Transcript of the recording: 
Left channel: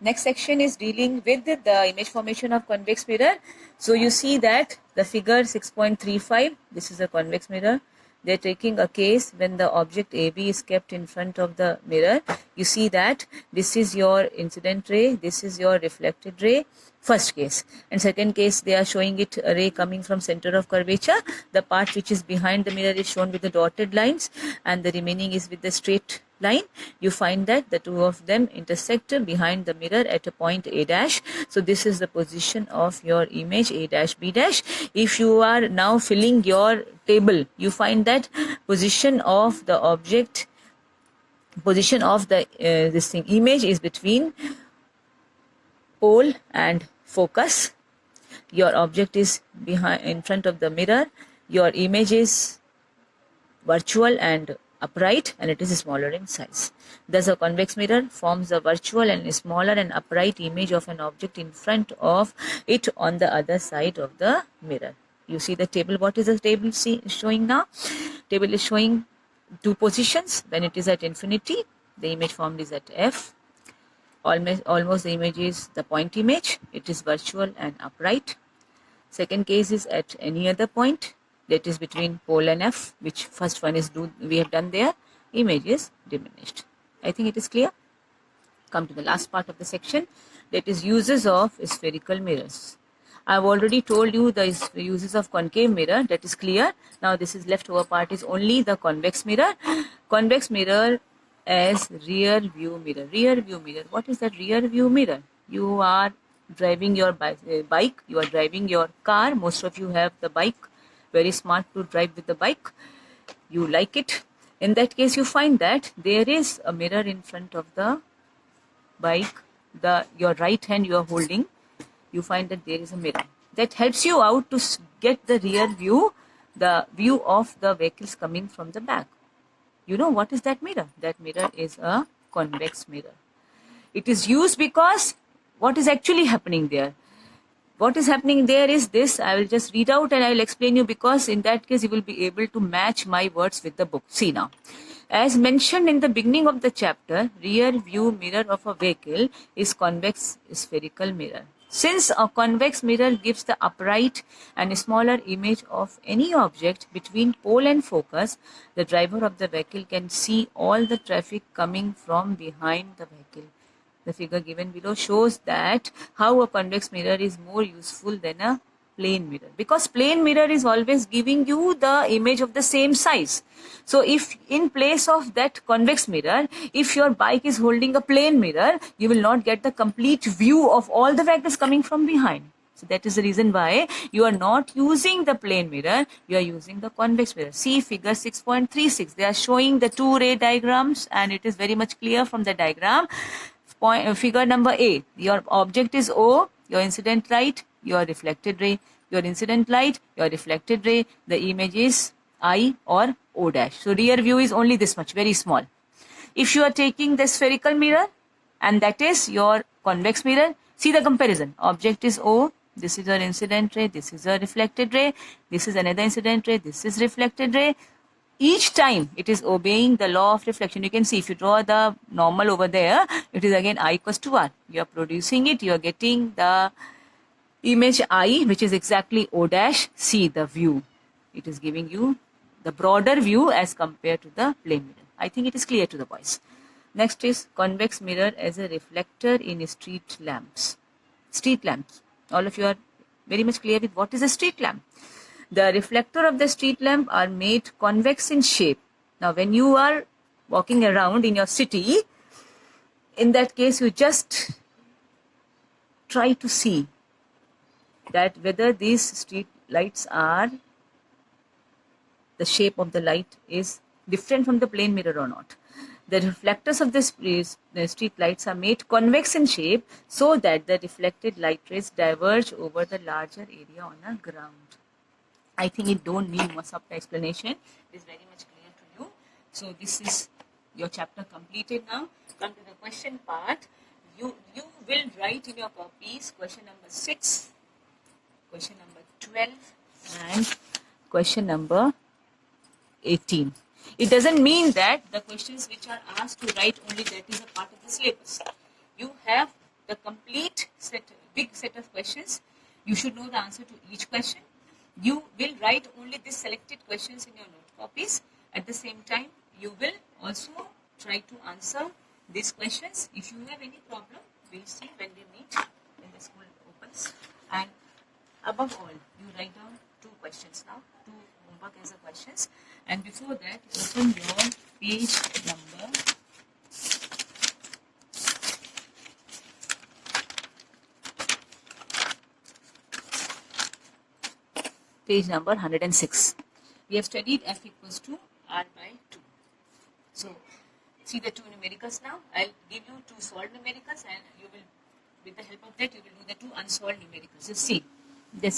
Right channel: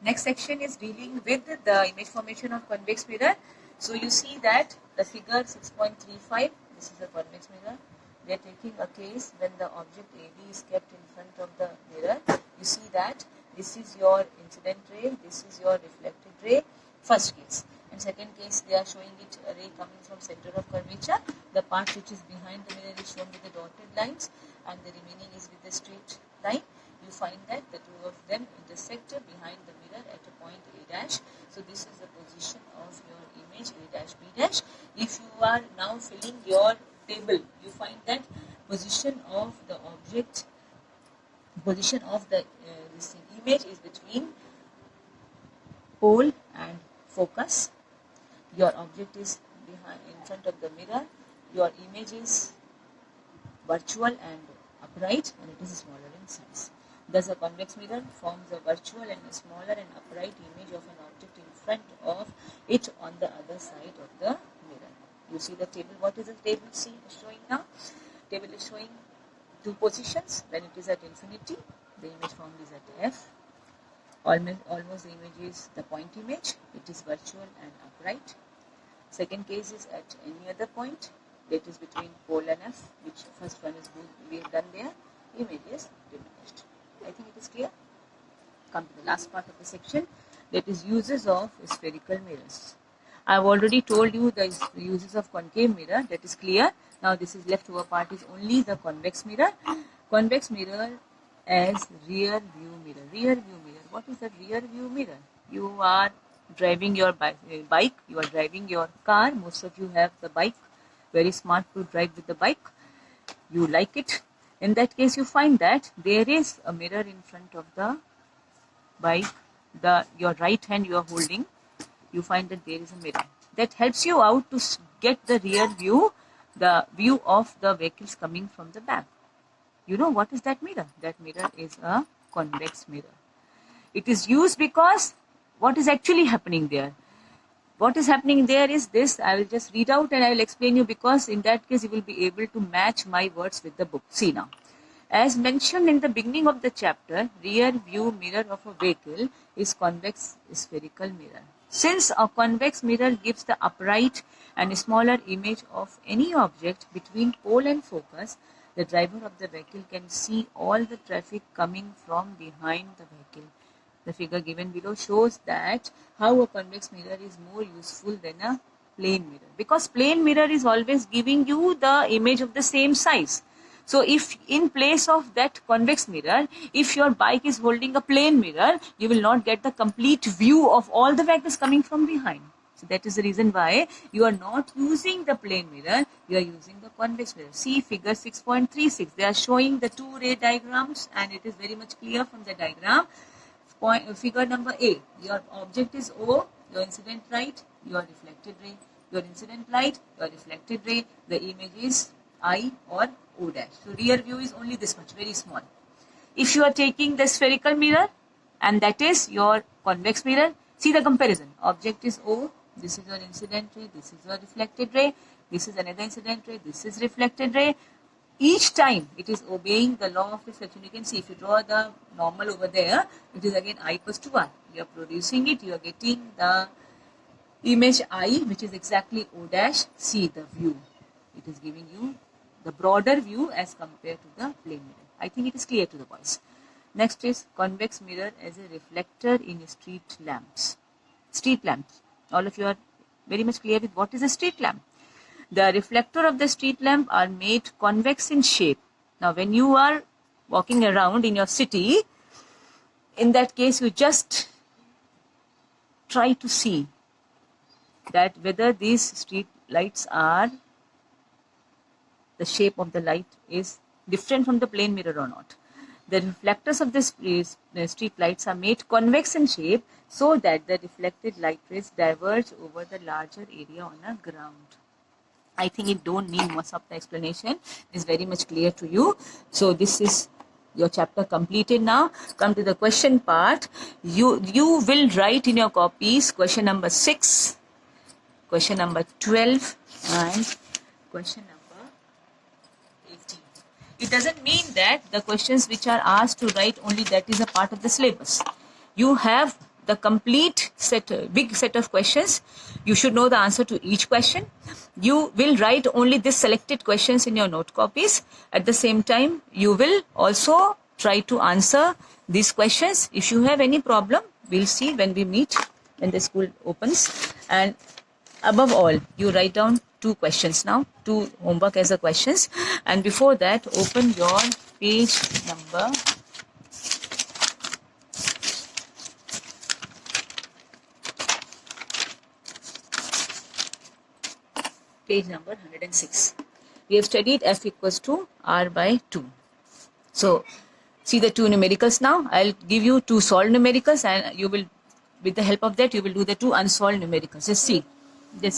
Next section is dealing with the image formation of convex mirror. So you see that the figure 6.35, this is a convex mirror. They are taking a case when the object AB is kept in front of the mirror. You see that this is your incident ray, this is your reflected ray. First case, and second case they are showing it a ray coming from center of curvature. The part which is behind the mirror is shown with the dotted lines and the remaining is with the straight line. You find that the two of them intersect behind the mirror at a point A dash. So this is the position of your image A dash B dash. If you are now filling your table, you find that position of the object, position of the this thing image is between pole and focus. Your object is behind in front of the mirror. Your image is virtual and upright, and it is smaller in size. Thus, a convex mirror forms a virtual and smaller and upright image of an object in front of it on the other side of the mirror. You see the table. What is the table showing now? Table is showing two positions. When it is at infinity, the image formed is at F. Almost the image is the point image. It is virtual and upright. Second case is at any other point, that is between pole and F, which first one is we have done there. Image is diminished. I think it is clear. Come to the last part of the section, that is uses of spherical mirrors. I have already told you the uses of concave mirror, that is clear. Now this is left over part is only the convex mirror. Convex mirror as rear view mirror. Rear view mirror. What is that rear view mirror? You are driving your bike, you are driving your car. Most of you have the bike. Very smart to drive with the bike. You like it. In that case, you find that there is a mirror in front of the bike. Your right hand you are holding. You find that there is a mirror. That helps you out to get the rear view, the view of the vehicles coming from the back. You know what is that mirror? That mirror is a convex mirror. It is used because what is actually happening there? What is happening there is this. I will just read out and I will explain you, because in that case you will be able to match my words with the book. See now. As mentioned in the beginning of the chapter, rear view mirror of a vehicle is convex spherical mirror. Since a convex mirror gives the upright and smaller image of any object between pole and focus, the driver of the vehicle can see all the traffic coming from behind the vehicle. The figure given below shows that how a convex mirror is more useful than a plane mirror, because plane mirror is always giving you the image of the same size. So if in place of that convex mirror, if your bike is holding a plane mirror, you will not get the complete view of all the vehicles coming from behind. So that is the reason why you are not using the plane mirror, you are using the convex mirror. See figure 6.36. They are showing the two ray diagrams and it is very much clear from the diagram. Figure number A, your object is O, your incident light, your reflected ray, your incident light, your reflected ray, the image is I or O dash. So rear view is only this much, very small. If you are taking the spherical mirror and that is your convex mirror, see the comparison. Object is O, this is your incident ray, this is a reflected ray, this is another incident ray, this is reflected ray. Each time it is obeying the law of reflection. You can see if you draw the normal over there, it is again I equals to R. You are producing it, you are getting the image I, which is exactly O dash. See the view. It is giving you the broader view as compared to the plane mirror. I think it is clear to the boys. Next is convex mirror as a reflector in street lamps. Street lamps. All of you are very much clear with what is a street lamp. The reflector of the street lamp are made convex in shape. Now when you are walking around in your city, in that case you just try to see that whether these street lights are, the shape of the light is different from the plane mirror or not. The reflectors of the street lights are made convex in shape so that the reflected light rays diverge over the larger area on a ground. I think it don't need much of the explanation. It's very much clear to you. So this is your chapter completed now. Come to the question part. You will write in your copies question number 6, question number 12 and question number 18. It doesn't mean that the questions which are asked to write only that is a part of the syllabus. You have the complete set, big set of questions. You should know the answer to each question. You will write only this selected questions in your note copies. At the same time, you will also try to answer these questions. If you have any problem, we'll see when we meet, when the school opens. And above all, you write down 2 questions now, 2 homework as a questions. And before that, open your page number page number 106. We have studied f equals to r by 2. So, see the 2 numericals now. I'll give you 2 solved numericals, and you will, with the help of that, you will do the 2 unsolved numericals. Just see this.